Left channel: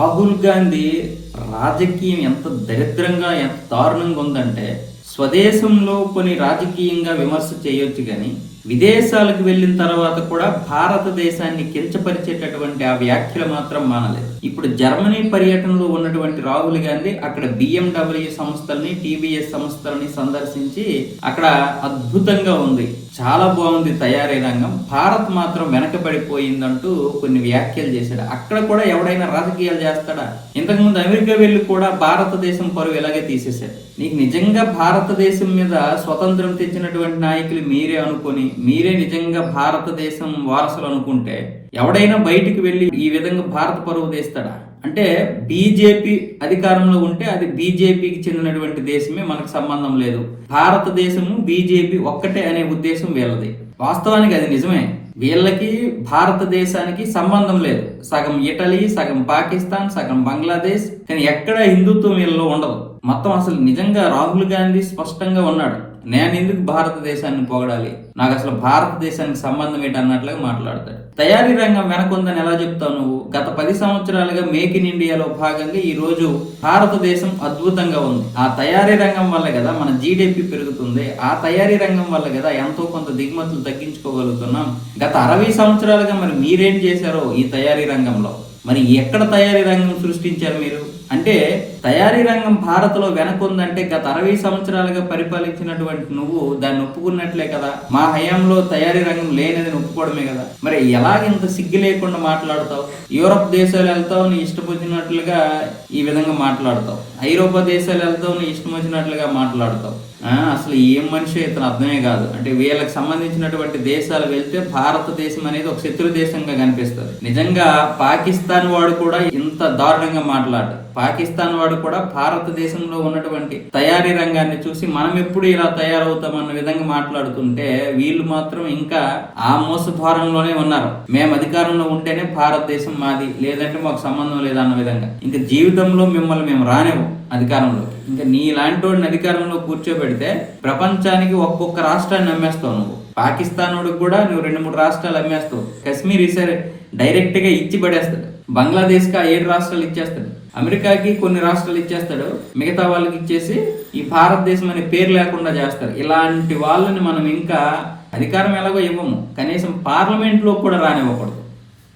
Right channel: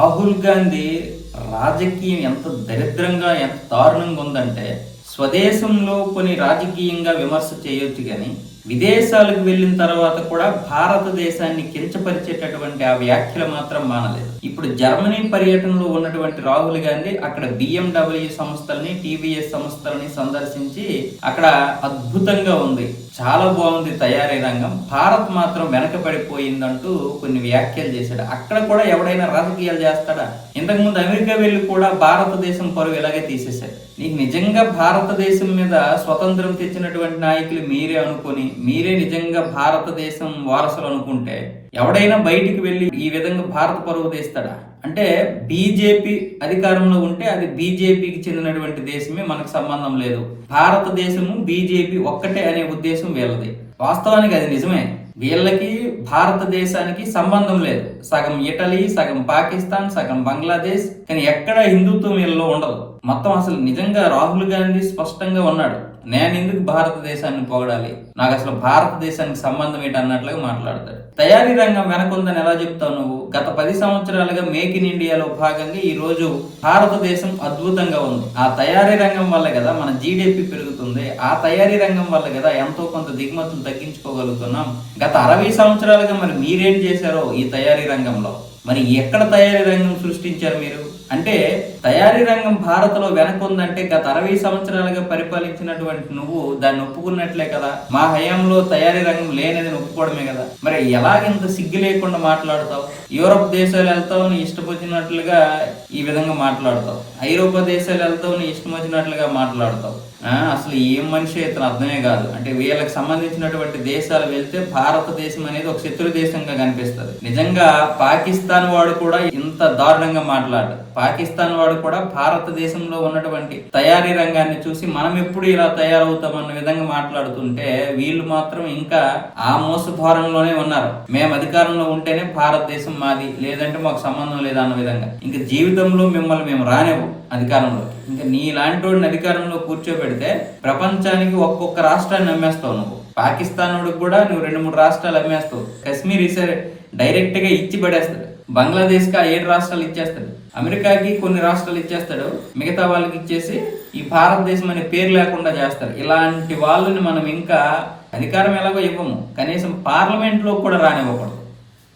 రాహుల్ గాంధీ రాజకీయం ఎంత దరిద్రంగా ఎంత దారుణంగా ఉందంటే, స్వదేశంలో కొన్ని రాజకీయంగా విమర్శ చేయొచ్చు కానీ విదేశాలకు వెళ్ళిన తర్వాత కూడా భారతదేశాన్ని కించపరిచేటటువంటి ఆ వ్యాఖ్యలు మాత్రం మానలేదు. ఇప్పుడు జర్మనీ పర్యటనలో ఉన్నటువంటి రాహుల్ గాంధీ అక్కడ BMW సంస్థల్ని, TVS సంస్థల్ని సందర్శించి అక్కడ అద్భుతంగా ఉంది, చాలా బాగుంది తయారీ రంగం, భారత్ మాత్రం వెనకబడిపోయిందంటూ కొన్ని వ్యాఖ్యలు చేశాడు. అక్కడ కూడా ఎవడైనా రాజకీయాలు చేస్తాడా? ఇంతకుముందు అమెరికా వెళ్ళి కూడా భారతదేశం పరువు ఇలాగే తీసేశారు. నీకు నిజంగా భారతదేశం మీద స్వతంత్రం తెచ్చినటువంటి నాయకులు మీరే అనుకుని, మీరే నిజంగా భారతదేశం వారసులు అనుకుంటే ఎవడైనా బయటికి వెళ్ళి ఈ విధంగా భారత పరువు తీస్తాడా? అంటే బీజేపీ అధికారంలో ఉంటే అది బీజేపీకి చెందినటువంటి దేశమే, మనకు సంబంధం లేదు, భారతదేశము బీజేపీ ఒక్కటే అనే ఉద్దేశం వీళ్ళది. వాస్తవానికి అది నిజమే, వీళ్ళకి భారతదేశానికి సంబంధం లేదు. సగం ఇటలీ, సగం పాకిస్తాన్, సగం బంగ్లాదేశ్, కానీ ఎక్కడ హిందుత్వం వీళ్ళలో ఉండదు. మొత్తం అసలు నిజంగా రాహుల్ గాంధీ స్పష్టంగా ఉన్నాడు, నేను ఎందుకు భారతదేశాన్ని పొగడాలి, నాకు అసలు భారతదేశానికి సంబంధం ఏంటి అన్నట్లుగా మాట్లాడతాడు. తయారీ రంగం వెనకుందని ఎలా చెప్తావు నువ్వు? గత 10 సంవత్సరాలుగా మేక్ ఇన్ ఇండియాలో భాగంగా ఈ రోజు భారతదేశం అద్భుతంగా ఉంది. ఆ తయారీ రంగం వల్ల కదా మన GDP పెరుగుతుంది, ఆ తయారీ రంగం వల్ల కదా ఎంతో కొంత దిగుమతులు తగ్గించుకోగలుగుతున్నాం. గత 60 సంవత్సరాలుగా మరి మీరేం చేశారో ఈ తయారీ రంగంలో, మరి ఎక్కడ తయారీ రంగం సృష్టించారు మీరు? అంటే తయారీ రంగం భారత్లో వెనకుందంటే గత 60 సంవత్సరాలుగా పరిపాలించినటువంటి నువ్వు దాన్ని ఒప్పుకున్నట్లే కదా. మా హయాంలో తయారీ రంగం లేనిదని ఒప్పుకోవడమే కదా. మరి ఎలాగింత సిగ్గు లేకుండా మాట్లాడుతావు? యూరోప్ దేశాలు వెళ్తావు, నీ ఇష్టం వచ్చినట్లుగా ఈ విధంగా మాట్లాడతావు, ఐరోపా దేశాలు వెళ్తావు, నీ ఇష్టం వచ్చినట్లుగా మాట్లాడతావు. అసలు ఏం మనిషి ఇతను అర్థమే కాదు. అంటే వీళ్ళకి సంబంధించినటువంటి దేశాలు వెళ్తే భారతదేశం అనేది ఒక శత్రు దేశంగా కనిపిస్తుంది. నిజంగా పాకిస్తాన్ వాడు కూడా ఇంత దారుణంగా మాట్లాడు. పాకిస్తాన్ వాడు కూడా భారతదేశంలో ఉన్నటువంటి తయారీ రంగాన్ని చూసి మనం ఎప్పుడు ఇలా తయారవుతామన్న విధంగా మాట్లాడుతుంటే, వీళ్ళు మాత్రం ఇంకా ఆ మోసద్వారంలోనే ఉన్నారు. మేము అధికారంలో ఉంటేనే భారతదేశం మాది, లేదంటే మాకు సంబంధం లేదన్న విధంగా. ఇంకా జీవితంలో మిమ్మల్ని మేము రానివ్వం అధికారంలో. ఇంకా నీలాంటి వాడిని అధికారంలో కూర్చోబెడితే ప్రపంచానికి ఒక్కొక్క రాష్ట్రాన్ని అమ్మేస్తావు నువ్వు. పాకిస్తాన్ వాడికి కూడా నువ్వు 2-3 రాష్ట్రాలు అమ్మేస్తావు. కశ్మీర్ ఈసారి డైరెక్ట్ గా ఇచ్చి పడేస్తాడు. బంగ్లాదేశ్ కి 7 రాష్ట్రాలు ఇచ్చేస్తాడు. అమెరికాకి కొన్ని రాష్ట్రాలు ఇచ్చేస్తాడు, మిగతా వాళ్ళకి ఇచ్చేసి ఈ భారతదేశం అనే పేరు లేకుండా చేస్తారు. ఇలాంటి వాళ్ళని మనం ఇంకా అధికారం ఎలాగో ఇవ్వము, కనీసం పార్లమెంట్ లో కూడా రానివ్వకూడదు.